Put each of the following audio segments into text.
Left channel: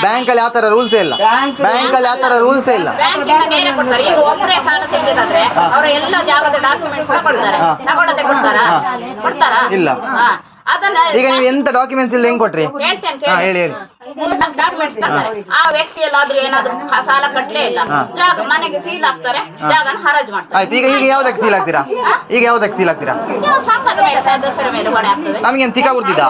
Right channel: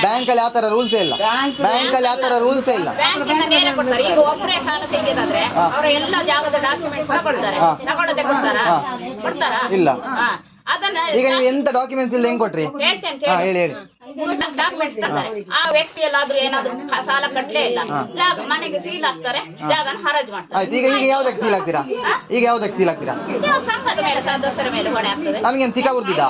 Bank ಅಲ್ಲಿ ಆತರ rules ಇಲ್ಲ. ಬ್ಯಾಂಕ್ ಅಲ್ಲಿ ಆತರ ರೂಲ್ಸ್ ಇಲ್ಲ. ಬ್ಯಾಂಕಿಂದ ನೇರ ಕೊಡ್ತಾರೆ? ಈಗ ಒಬ್ಬರೇ ಸಾಲ ತೆಗೆದಾದ್ರೆ ಅವರ ಎಲ್ಲ ಜಾಗದ ಡಾಕ್ಯುಮೆಂಟ್ಸ್ ತಗೊಳ್ತಾರೆ ಹಾ. ತಗೊಳ್ಳದೆ ಕೊಡ್ತಾರಾ? ಕೊಡ್ತಾರಾ? ಇಲ್ಲ. ಹಾ. ಅದನ್ನ ಈಗ ನೀವು ಎಂತ ಡಾಕ್ಯುಮೆಂಟ್ಸ್ ಇಲ್ಲ ಹೆಂಗ್ ಕೊಟ್ರಿ? ಹೇಳಿ ಹೇಳಿ. ಆ ವ್ಯಕ್ತಿ ಎಲ್ಲಾದ್ರೂ ಏನಾದ್ರು ಸಾಲ ಕಟ್ಲೇ ಇಲ್ಲ. ಜಾಗ ಮನೆಗೆ ಸೀಲ್ ಹಾಕ್ತಾರೆ ಜಾಗನ ಹರಾಜ್ ಮಾಡ್ತಾರೆ. ಆಯ್ತು ಈಗ ಈಗ ಯಾವ್ದಕ್ಕೆ ಸೀಲ್ ಹಾಕ್ತೀರಾ ಈಗ ಯಾವ್ದಕ್ಕೆ ಸೀಲ್ ಹಾಕ್ತೀರಾ ಸಂಘದ ಮೇಲೆ ಸದಸ್ಯರ ಮೇಲೆ ಹೊಣೆ ಆಗ್ತದೆ. ನಮಗೆ ತಿಕ್ಕ ಬರ್ತಿದ್ದ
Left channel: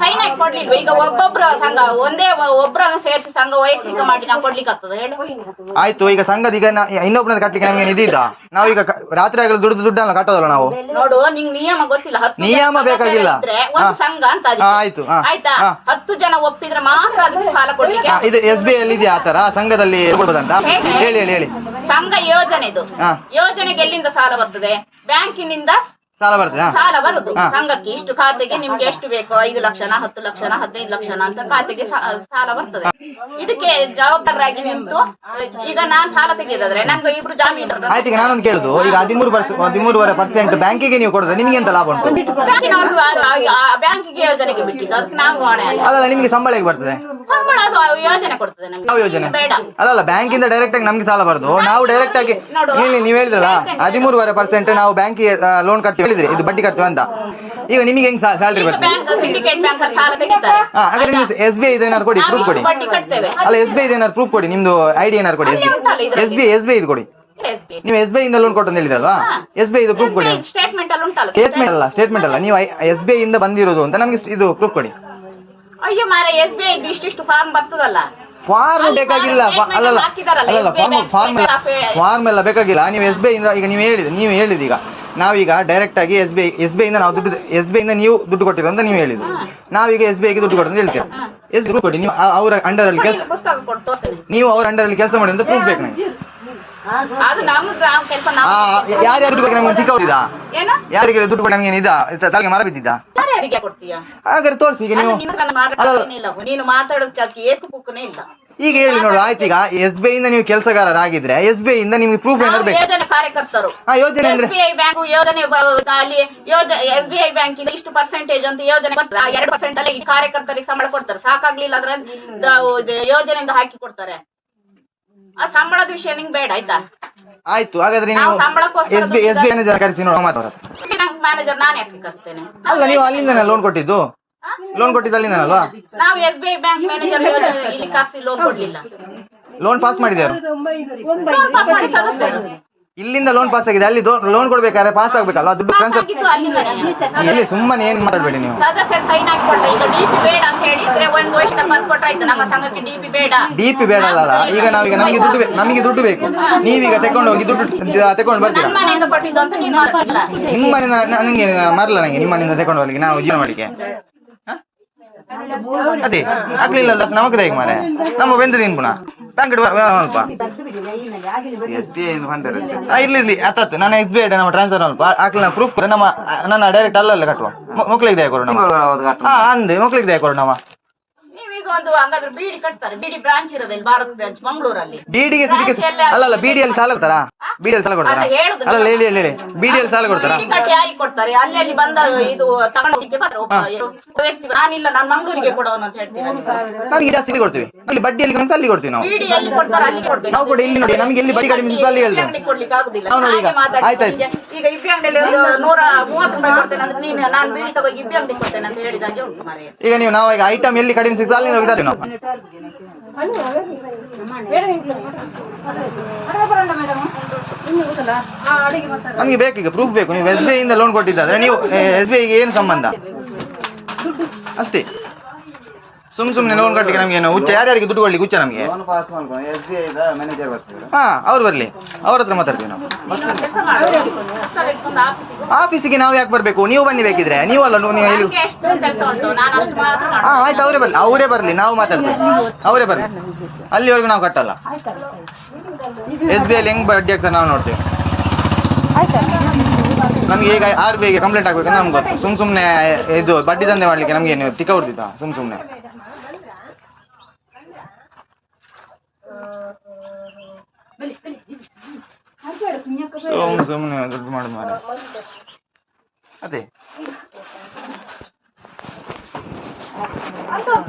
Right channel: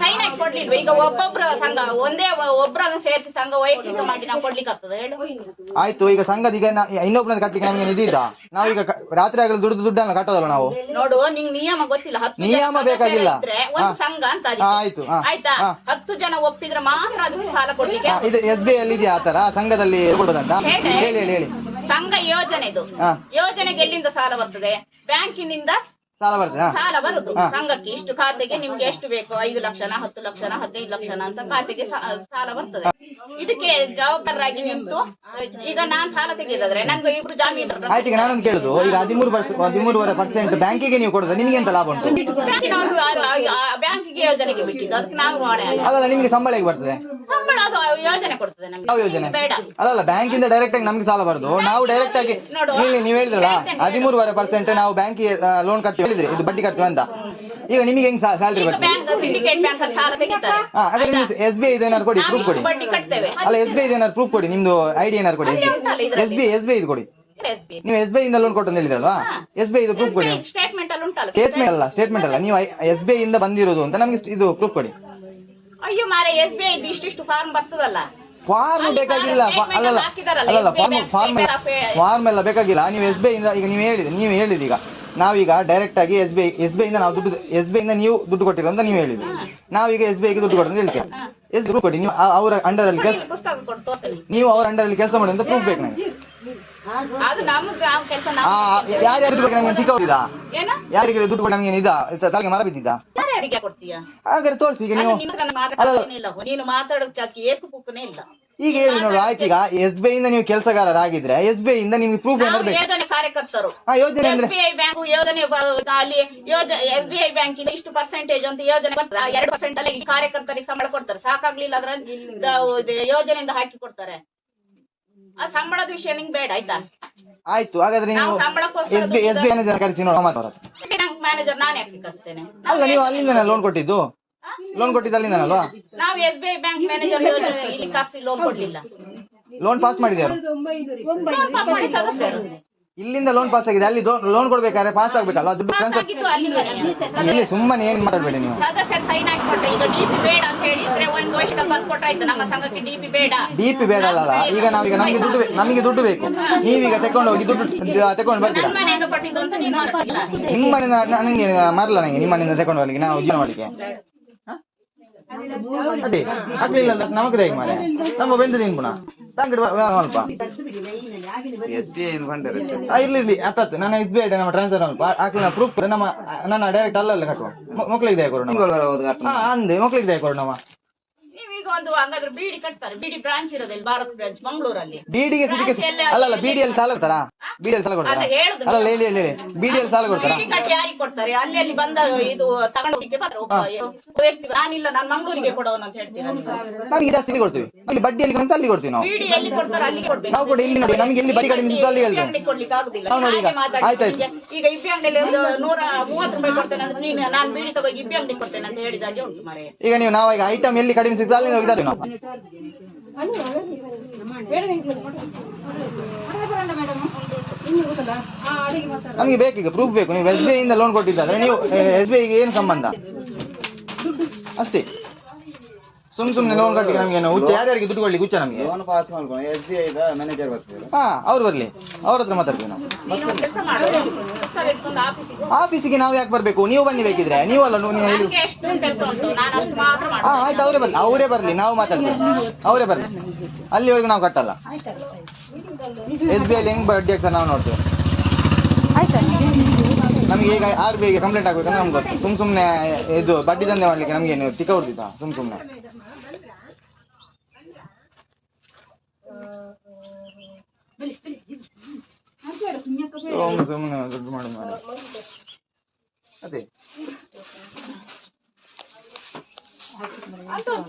ಸೈನ್ ಹಾಕಿ ಕೊಡ್ಲಿಲ್ವ? ಈಗ ಒಬ್ಬೊಬ್ರ ಸಂಘ ಒಂದೇ ಒ- ಒಬ್ರನ್ನ ಸೇರಿಸಿ ಸಂಘ ವೈಯಕ್ತಿಕ ಮಾಡಿ ನಾವು ಕೊಡ್ಲಿಕ್ಕೆ ಆಗ್ತದೆ. ಹೇಳು. ಆಯ್ತು ಈಗ ಸಂಘದ ಈಗ ನಾ- ಇನ್ನೊಬ್ರನ್ನ ಕಟ್ಲಿಕ್ಕೆ ನಮಗೆ ನಿಧಿದ್ದ ನಾವೀಗ ಕ- ರಾತ್ರಿ ಆಗಲು ದುಡ್ಡು ದುಡ್ಡನ್ನ ಕಟ್ಟೋದಲ್ಲ ನಾವು? ನೋಡು ನಿಂಗೆ ನಿಯಮ ಗೊತ್ತಿಲ್ಲ. ನಿಯಮ ಬೇಕಾಗಿಲ್ಲ. ಒಂದು ಸಂಘ ಅಂತ ಆಯ್ತು, ಆಯ್ತಾ. ಹತ್ತು ಜನ ಒಪ್ಪಿದ್ರೆ ಮಾತ್ರ ಅದಕ್ಕೆ ಸಾಲ ಕೊಡ್ಲಿಕ್ಕೆ ಇದು ಎಸ್ ಬಿ ಅಲ್ಲಿ ಇದೆಯಾ ಆತರ ಸಂಘದಲ್ಲಿ ಕೊಡ್ಬೋದಂತ ಹೇಳಿ ಹೇಳಿ. ಹೇಳಿ ಸಂಘ ಯೋಜನೆ ಇದು. ಯೋಜನೆಗೆ ಎಲ್ಲಿಂದ ಸಾಲ ಬರ್ತದೆ? ಬ್ಯಾಂಕಿನಿಂದ ಸಾಲ ಬರ್ತದೆ? ಸಾಲ ಬರುದು. ಸಂಘಕ್ಕೆ ಇಷ್ಟು ಖಾತೆಗೆ ನಿಮ್ಗೆ ಎಷ್ಟು ಬೇಕು ಐದು ಲಕ್ಷನ ಹತ್ತು ಲಕ್ಷನ ಹದಿನೈದು ಲಕ್ಷನ ಅಂತ ಖಾತೆಗೆ ಸಾಲ ಬರ್ತದೆ. ಇದಕ್ಕೆ ಜವಾಬ್ದಾರರಾಗಿ ನಿಂತು ಈಗ ನಾನ್ ಸಾಲ ತೆಗೆದಾದ್ರೆ ನಂಗೆ ಇಬ್ರು ಜಾಮೀನು ಆಯ್ತು ಈಗ ನಾನೊಂದು ಕೇಳುದು. ಈಗ ಹದಿಮೂರು ಹದಿಮೂರುವರೆ ಪರ್ಸೆಂಟ್ ಬ್ಯಾಂಕಿಗೆ ನೀವು ಕೊಡಿದ್ರೆ ನಿಮ್ಗೆ ಎಂತ ಲಾಭ ಉಂಟು? ಬ್ಯಾಂಕಿಗೆ ಯೋಜನೆಗೆ ಬಿಟ್ಟಿದ್ದು. ಅದಕ್ಕೆ ನಾವು ಹೊಣೆ ಅಲ್ಲ. ನಿಮ್ಗೆ ಸಂಬಳ ಹೇಗೆ ಬರ್ತದೆ? ಸಂಬಳ ಅದು ಯೋಜನೆ ಕೊಡ್ತದೆ ನಮ್ಗೆ. ಯೋಜನೆ? ಬೇಡ. ಅಲ್ಲಲ್ಲ ಬ್ಯಾಂಕಿಂದ ಡೈರೆಕ್ಟ್ ಆಗಿ ನಮ್ಗೆ ಸಾಲ ಬರುದು. ನಾವು ಡೈರೆಕ್ಟ್ ಆಗಿ ನೀವು ಹೇಳಿದ್ರಲ್ಲ ಹದಿಮೂರುವರೆ ಪರ್ಸೆಂಟ್ ನಾವು ಬ್ಯಾಂಕಿಗೆ ಲೋನ್ ಕಟ್ತೀವಿ. ಹೇಳಿದ್ರಿ ಇದು ಬಡ್ಡಿ ಖರ್ಚು ಅಂತ ಈಗ ನಿಮಗೆ ಹೆಂಗ್ ಸ್ಯಾಲ್ರಿ ಬರ್ತದೆ ಬ್ಯಾಂಕ್ ಸಿಂಡಿಕೇಟ್ ಬ್ಯಾಂಕ್ ಅಲ್ಲಿ ಸಾಲ ತೆಗಿತಾರೆ ಹಾ ಹಾಗಾದ್ರೆ ನೀವು ಎಸ್ ಬಿ ಐ ಏನಾದ್ರು ಕೊಡಿ ಪ್ರೂಫ್ ಕೊಡಿ ಬಡ್ಡಿ ಕಟ್ತೇವೆ ಅಲ್ಲ ಎಸ್ ಬಿ ಐ ಏನಾದ್ರು ಪ್ರೂಫ್ ಕೊಡಿ ನಿಮ್ದು ಐಡಿ ಏನಾದ್ರು ಕೊಡಿ S B. S B S B ಐದು ಕೊಡಿ ನೀವು ಎಸ್ ಬಿ ಐ ಇಂದ ಲೋನ್ ಕೊಟ್ಟು ಅಂತ ಹೇಳಿದ್ರಲ್ವಾ ಎಸ್ ಬಿ ಐ ಇದು ಪ್ರೂಫ್ ಕೊಡಿ ಸ್ಟೇಟ್ಮೆಂಟ್ ಅಲ್ಲಿ ಸ್ಟೇಟ್ಮೆಂಟ್ ಅಲ್ಲ ನೀವು ಎಸ್ ಬಿ ಐ ಇಂದ ಬಂದಿರೋದು ಅಂತ ನಮ್ಗೆ ಇದು ಪ್ರೂಫ್ ಕೊಡಿ ಅಯ್ಯೋ ಮಾರ ಎಸ್ ಬಿ ಐ ಇಷ್ಟಿಷ್ಟು ಫಾರ್ಮ್ ಬರ್ತದಲ್ಲ ಫಾರ್ಮ್ ಬೇಕಾಗಿಲ್ಲ ಅಲ್ಲಲ್ಲ ಅಲ್ಲಲ್ಲ ಫಾರ್ಮ್ ಫಾರ್ಮ್ ಫಾರ್ಮ್ ಎಲ್ಲ ಬೇಕಾಗಿಲ್ಲ ನೀವು ಎಸ್ ಬಿ ಐ ಇಂದ ಈಗ ನೀವು ಹೇಳಿದ್ರಿ ನೀವು ಹೇಳಿದ್ರಿ ಈಗ ನಾವೀಗ ಡೈರೆಕ್ಟ್ ಆಗಿ S B I S B ನಾವು ದುಡ್ಡು ಎಸ್ ಬಿ ಐ ಇಂದ ನೀವು ದುಡ್ಡು ಕೊಟ್ಟಿರೋ ಅಂತ ನೀವು ಹೇಳಿದ್ರು ನಾವೀಗ ಎಸ್ ಬಿ ಐಗೆ ದುಡ್ಡು ಕೊಟ್ಟು ಹೇಳ್ತೇವೆ. ಎಸ್ ಪ್ರೂಫ್ ಕೊಡಿ. ನೀವು ಅವರ ಅಂಡರ್ ಅಲ್ಲಿ ಕೆಲಸ ನೀವು ಅವರ ಅಂಡರ್ ಅಲ್ಲಿ ಕೆಲಸ ಮಾಡಿ ಅಂತ ಪ್ರೂಫ್ ಬೇಕು ನಾವು ಯಾರ್ಯಾರು ದುಡ್ಡು ನಮಗೆ ನಮ್ಗೆ ಏನ? ಯಾರಿಗೆ ದುಡ್ಡು ಕೊಡಿ ನಮಗೆ ಇದ ತಲೆಗೆ ಮರ ಬಿದ್ದಿದ್ದ? ಹಾಗಾದ್ರೆ ತೋರಿಸಿ ಈಗ ನೀವು. ಇಲ್ಲ. ನೀನು ಮಾತಾಡೋದಕ್ಕೆ ಏಕು ಪುಕ್ಕನೇ ಇಲ್ಲ. ಈಗ ಹೇಳಿ ನೋಡು ಆಯ್ತು ಈಗ ಎಸ್ ಬಿ ಐ ಇಂದ ನೀವು ಕೆಲಸಗಾರರಾಗಿದ್ರೆ ಎಸ್ ಬಿ ಐ ಇಂದ ನಿಮ್ಗೆ ಪ್ರೂಫ್ ಏನಾದ್ರು ಬೇಕು? ಯೋಜನೆ ಕಾರ್ಯಕರ್ತರು. ಆ ಯೋಜನೆ ಅಂದ್ರೆ? ಎಸ್ ಬಿ ಐ ಬ್ಯಾಂಕ್ ಯೋಜನೆ ಬ- ಅಲ್ಲಿ ಯೋಜನೆ ಎಸ್ ಬಿ ಐ ಬ್ಯಾಂಕ್ ಇಂದ ಇಷ್ಟು ಪರ್ಸೆಂಟೇಜ್ ಅಂತ ಯೋಜನೆ ಕೊಡ್ತಾರೆ. ಆ ಎರಡು ಪರ್ಸೆಂಟ್ ಅಲ್ಲಿ ಈ ಕಾರ್ಯಕರ್ತರಿಗೆ ಸಂಬಳ ಕೊಡ್ತಾರೆ. ಸಾಕಾಗ್ಲಿಲ್ಲ ಅಂದ್ರೆ ದ- ಇದು ಯೋಜನೆಯಿಂದ ಹಾಕಿ ಕೊಡ್ತಾರೆ. ಆ ಸಂಬಳದ ವಿಷಯ ನಿಂಗೆ ಬೇಡ ಆಯ್ತಾ? ಆಯ್ತು ಹಾಗಾದ್ರೆ ನೀವು ನಾವು ಸಂಬಳಕ್ಕೋಸ್ಕರ S B S B manager ಕರೆಸಿ ನೋಡೋಣ ಮ್ಯಾನೇಜರ್ ನಾನು ಯಾಕೆ ಕಸ್ತೇನೆ ಅಲ್ಲ ನೀವು ಅಲ್ಲಿಂದ ಲೋನ್ ಕೊಟ್ಟಿದ್ದು? ಲೋನ್ ಕೊಟ್ಟಿದ್ದಲ್ಲಿ ನಾನಲ್ವಾ ನಾವು S B I bank manager ಇಲ್ಲಿ ಕಾಸಿ ಲೋನ್ ಕೊಡ್ಲಿಲ್ಲ. ಲೋನ್ ಪಾಸ್ ಮಾಡಿದ್ಯಾರು ಲೋನ್ ಪಾಸ್ ಮಾಡಿ ಸದಸ್ಯರು ಇಲ್ಲಿಂದ ಲೋನ್ ಪಾಸ್ ಆಗಿದೆ ಅಲ್ಲಿ ಲೋನ್ ಕೊಡ್ಬೇಕಾದ್ರೆ ಪಾಸ್ ಆಗ್ಬೇಕಲ್ಲ ದುಡ್ಡು ಟ್ರಾನ್ಸ್ಫರ್ ಇಲ್ಲಿ ಅಲ್ಲಿಂದನೇ ಎಲ್ಲಿ ಸುಮ್ಮನೆ ಏನ್ ಮಾತಾಡ್ಬೇಡಿ ನೀವು. ಸದಸ್ಯರು ಸೈನ್ ಈಗ ಡಿಪಿ ಬೇಡ ಅಂತ ಹೇಳಿದ್ರೆ ಒಂದು ವರ್ಷ ನಮ್ಮ ಸಂಘಕ್ಕೆ ಡಿಪಿ ಬೇಡ. ಡಿ ಪಿ ಬೇಡ ಅಲ್ಲ ಈಗ ನಾವೀಗ ನಮಗೆ ದುಡ್ಡು ಬೇ- ನಮಗೆ ದುಡ್ಡು ಬೇಕು. ನೀವೀಗ ತಗೊಂಡು ಹೋಗಿ ದುಡ್ಡು ತಕೊಂಡು ಬರ್ತೀರಾ? ನನ್ನ ಮನೆಯಿಂದ ಕೊಟ್ಟಿದ್ದು ಅಂತ ನೀನು ನನಗೆ ಮರಲ್ಲ ನಂಗೆ ನಿಮ್ಮನೆಯಿಂದ ತಗೊಂಡು ತಕೊಂಡು ಹೋಗ್ಲಿಕ್ಕೆ ನಾವು ಜೀವನ ಮಾಡಿಕೆ? ಅದೇ ಆಗ್ಲಿಲ್ಲ ಅಲ್ಲ ನಮಗೆ ಬೇಕು ಮಾರೆ. ನಮ್ಮ ಬೆಂದು ನೀನು ಪುನಃ ತಂಗಡಿ ಸ್ವಲ್ಪ ಎಸ್ ಬಿ ಐ ಇರ್ಲಿ ಇರ್ಲಿ ಹತ್ತತ್ತು ನಾನು ಎಸ್ ಬಿ ಐ ನಮ್ಮ ಟ್ರಾನ್ಸ್ಫರ್ ಅಲ್ಪ. ಹಾಕ್ಲಿ ಪ್ರೂಫ್ ನಮ್ಮ ನನ್ನ ಡೈರೆಕ್ಟ್ ಅಲ್ಲಲ್ಲ ಕಟ್ಟುವ ಮಕ್ಳಿಗೆ ದಯ ಕೊಡು ನಮ್ಮ. ಹಾ ಅಂದೆ ಮಕ್ಳಿಗೆ ದಯ ಕೊಡು ನಮ್ಮ. ನೀವೀಗ ಒಂದು ಹಂಗಾದ್ರೆ ಬಿಡಿ ಕಟ್ತಾರೆ. ಬಿಡಿ ಬ್ರಾಂಚ್ ಇರೋದಿಲ್ಲ ಭಾರತ್ ಬ್ರಾಂಚ್ ಮಂಗಳೂರಲ್ಲಿ. ಬಿಡಿಗೆ ಸಿಟಿಗೆ ಅಲ್ಲಲ್ಲ ಬಿಡಿಯಲ್ಲಿ ಸಾಲ ಕೊಡ್ತಾರಾ? ಬಿಡಿಯಲ್ಲಿ ಸಾಲ ಕೊಡ್ತಾರಾ? ಅಲ್ಲ, ಹೇಳುದು ಅಲ್ಲ ಹೇಳಿ ಹೇಳಿ ಬಿಡಿಯಲ್ಲಿ ಸಾಲ ಕೊಡ್ತಾರಾ? ಬಿಡಿ ಕಟ್ಟಿ ಯಾರಿಗೆ ಕೊಡ್ತಾರೆ? ಅಲ್ಲಿ ಅಲ್ಲಿ ಬಂದ ಇದು ತಗೊಂಡು ಹೋಗ್ಲಿಕ್ಕೆ ಬರ್ತಾರೆ ಒಬ್ಬ ವ್ಯಕ್ತಿ. ನಾನಿಲ್ಲ ನಾನು ಮಂಗಳೂರಿಗೆ ಕೊಡೋನು ಅಂತ ಹೇಳ್ತೀನಿ. ನಮಗೆ ಜಾಸ್ತಿ ಇಲ್ಲಿ ಕೊಡ್ತೀವಿ. ಅಲ್ಲಿ ಬಡ್ಡಿಯಲ್ಲಿ ಅಂತ ಅಲ್ಲಿ ಕೊಡ್ತೀವಿ ನಾವು. ಬಿಡಿ ಎಲ್ಲಿ ಕೊಡ್ತಾರೆ ಅಲ್ಲಿ ಕೊಡ್ಬೇಕು. ನಾವು ಕೂಡ ಇಲ್ಲಿ ನೋಡಿ ನಮಗೆ ಇಲ್ಲಿ ಬಡ್ಡಿ ಕಡಿಮೆ ಅಲ್ಲಿ ಹೇಳ್ತೇವೆ ಕೊಡ್ಲಿಕ್ಕೆ ಆಗುದಿಲ್ಲ. ನಾವು ನೋಡಿ ಈಗ, ಆಯ್ತು, ಆಯ್ತು. ಈಗ- ಈಗ ಇಬ್ಬಿ ಅಂಗಡಿಯಲ್ಲಿ ಒಂದು ನೂರ ಮೂವತ್ತು ರೂಪಾಯಿ ಕೊಡ್ತೇನೆ ಅಂದ್ರೆ ನೀನು ನಾನು ಬೀಡಿ ತಗೋ ಇಬ್ಬಿ ಅಂಗಡಿ ಕೊಡ್ತೇನೆ ಅಂತ ಹೇಳಿದಾಗೆ ಉಂಟು ಮಾರೆ ಈಗ ನೀವು ನಾವು ಈಗ ಐಟಮ್ ಎಲ್ಲಿ ಕಡಿಮೆ ಸಿಗ್ತದೆ ಅಲ್ಲಿ ಹೋಗಿ ತರ್ತೀವಿ ನಾವು. ನಮಗೆ ಬೇಕೀಗ ಪ್ರೂಫ್ ಬೇಕು. ನೀವು ಎಸ್ ಬಿ ಐ ಇಂದ ಲೋನ್ ಕೊಟ್ಟಿದ್ದಾದ್ರೆ ನೀವು ಎಸ್ ಬಿ ಐಗೆ ಏನು ಸಂಬಂಧ? ಅಷ್ಟೇ. ಸುಮ್ ಸುಮ್ನೆ ಲೋನ್ ಕಟ್ಟಿಗೆ ನಮ್ಗೆ ಏನು? ಹುಚ್ಚ ಯಾರ್ಯಾರಿಗೆ ದುಡ್ಡು ಕೊಡ್ಲಿಕ್ಕೆ ಹುಚ್ಚ ನಮಗೆ. ಲೋನ್ ಪಾಸ್ ಮಾಡ್ಕೊಂಡು ಎಸ್ ಬಿ ಐದ ಮ್ಯಾನೇಜರ್ ಬರ್ತಾರೆ ಹಾ ಅವ್ರು ಬರ್ಲಿ. ಅವ್ರ ಹತ್ರ ಮಾತಾಡ್ತೀವಿ ನಾವು. ಆಫೀಸಿಗೆ ನಾವು ಯಾಕೆ ಬರ್ಬೇಕು? ನೀವು ಬನ್ನಿ ಬೇಕಿದ್ರೆ. ನೀವು ಅಲ್ಲ ನೀವು ಇಲ್ಲಿ ನನ್ಗೆ ಎಷ್ಟು ಕೆಲಸ ಉಂಟು ನಾನು ಅಷ್ಟು ಮಾತ್ರ ಹಾ ಮಾಡ್ತೀನಿ. ಆಯ್ತು ಅವರೇ ಬರ್ಲಿ. ಅವರೇ ಬರ್ಲಿ. ನಾವು ಮಾತಾಡ್ತೀವಿ. ಅವರೇ ಬರ್ಲಿ. ಅಲ್ಲಿವರೆಗೂ ನಾವು ಕಟ್ಟಲ್ಲ. ಎಸ್ ಬಿ ಐಲಿ ಹೆಂಗ್ ಬಡ್ಡಿ ಆಗ್ತದೆ ನಾವು ನೋಡ್ತೇವೆ. ನಮ್ಗೆ ಈಗ ಆರ್ ಬಿ ಐಗೆ ಕಂಪ್ಲೇಂಟ್ ಆಗ್ಬೇಕಂದ್ರೆ ನಮ್ಗೆ ಗೊತ್ತು. ಸುಮ್ ಸುಮ್ನೆ ಇದು ಬಡ್ಡಿ ದಂಧೆ ಮಾಡ್ಲಿಕ್ಕೆ ನಮ್ಗೆ ಏನು ತಿಕ್ಕ ಹೊಡ್ದಿದ್ದ ಸುಮ್ ಸುಮ್ನೆ. ಸುಮ್ ಸುಮ್ನೆ ದುಡ್ಡು ಮಾಡಿ ಮಾಡಿ ಅದೇ.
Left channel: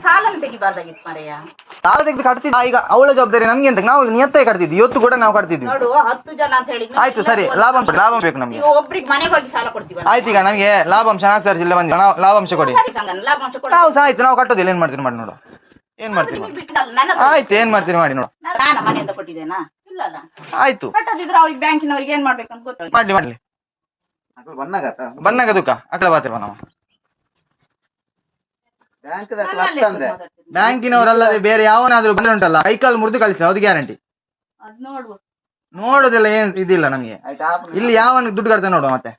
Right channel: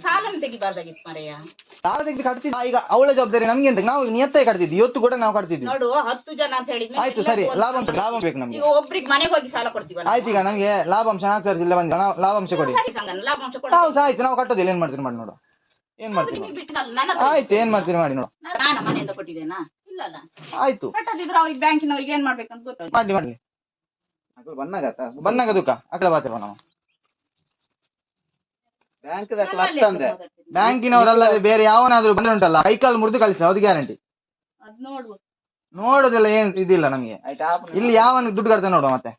ಸಾಲ ತೆಗೆದು ಕಟ್ತಿದ್ದ ಈಗ ಅವಳ ಜವಾಬ್ದಾರಿ ನಮ್ಗೆ ಅಂತ ನಾವು ನಿಯತ್ತಾಗಿ ಕಟ್ತಿದ್ವಿ ಇವತ್ತು ಕೂಡ ನಾವು ಕಟ್ತಿದ್ವಿ. ನೋಡು ಹತ್ತು ಜನ ಅಂತ ಹೇಳಿ ಆಯ್ತು ಸರಿ ಲಾಭಾಂಶ ಲಾಭ ಬೇಕು ನಮ್ಗೆ. ಈಗ ಒಬ್ರಿಗೆ ಮನೆಗೆ ಹೋಗಿ ಸಾಲ ಕೊಡ್ತೀವಿ ಆಯ್ತು ಈಗ ನಮಗೆ ಲಾಭಾಂಶ ನಾಲ್ಕು ಸಾವಿರ ಜಿಲ್ಲೆ ಬಂದಿಲ್ಲ ನಾವು ಲಾಭಾಂಶ ಕೊಡಿ. ಸರಿ ಲಾಭಾಂಶ ಕೊಡ. ನಾವು ಸಹ ಆಯ್ತು ನಾವು ಕಟ್ಟೋದಿಲ್ಲ ಏನ್ ಮಾಡ್ತೀರಿ ಮಾಡಿ ನೋಡು. ಏನ್ ಮಾಡ್ತೀರಿ ಆಯ್ತು ಏನ್ ಮಾಡ್ತೀರಿ ಮಾಡಿ ನೋಡು. ನಾನು ಮನೆಯಿಂದ ಕೊಟ್ಟಿದ್ದೇನಾ? ಆಯ್ತು. ಕಟ್ಟದಿದ್ರೆ ಅವ್ರಿಗೆ ಬ್ಯಾಂಕಿನವ್ರಿಗೆ ಏನ್ ಮಾಡ್ಬೇಕಂತ ಗೊತ್ತಾಗ ಮಾಡ್ಲಿ ಮಾಡ್ಲಿ. ಬನ್ನಾಗತ್ತ ಬನ್ನಾಗ ದುಃಖ ಅಕಲ ಬಾತಿವ ನಾವು. ಬ್ಯಾಂಕ್ ಬ್ಯಾಂಕಿನವರಲ್ಲದೆ ಬೇರೆ ಯಾವನಾದ್ರೂ ಬಂದ್ರೆ ಉಂಟಲ್ಲ ಕೈಕಾಲು ಮುರಿದು ಕಳಿಸಿ ಅದು ಗ್ಯಾರಂಟಿ. ಅದ್ ನೋಡುವ ನೋಡೋದೆಲ್ಲ ಏನ್ ಇದಿಲ್ಲ ನಮ್ಗೆ. ಆಯ್ತು ಇಲ್ಲಿ ಯಾವ ದುಡ್ಡು ಕಟ್ತಾನೆ ನೋಡುವ ಮತ್ತೆ.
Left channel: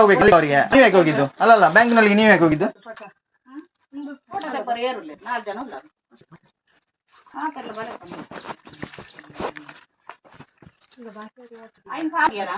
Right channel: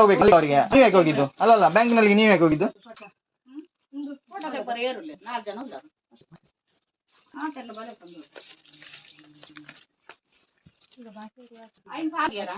ಹೋಗ್ಬೇಕು ಅಲ್ಲಿ ಅವರಿಗೆ. ನೀವ್ ಯಾಕೆ ಹೋಗಿದ್ದು? ಅಲ್ಲಲ್ಲ ಬ್ಯಾಂಕಿನಲ್ಲಿ ನೀವ್ ಯಾಕೆ ಹೋಗಿದ್ದು? ಒಂದು ಫೋಟೋ ತೆಪ್ಪರು ಏರುಲ್ಲ ನಾಲ್ಕು ಜನ ಹಾಕೆಲ್ಲ ಬಲೆ ತಂದು. ಆಯ್ನ್ ಹಾಗ್ಯಾರ?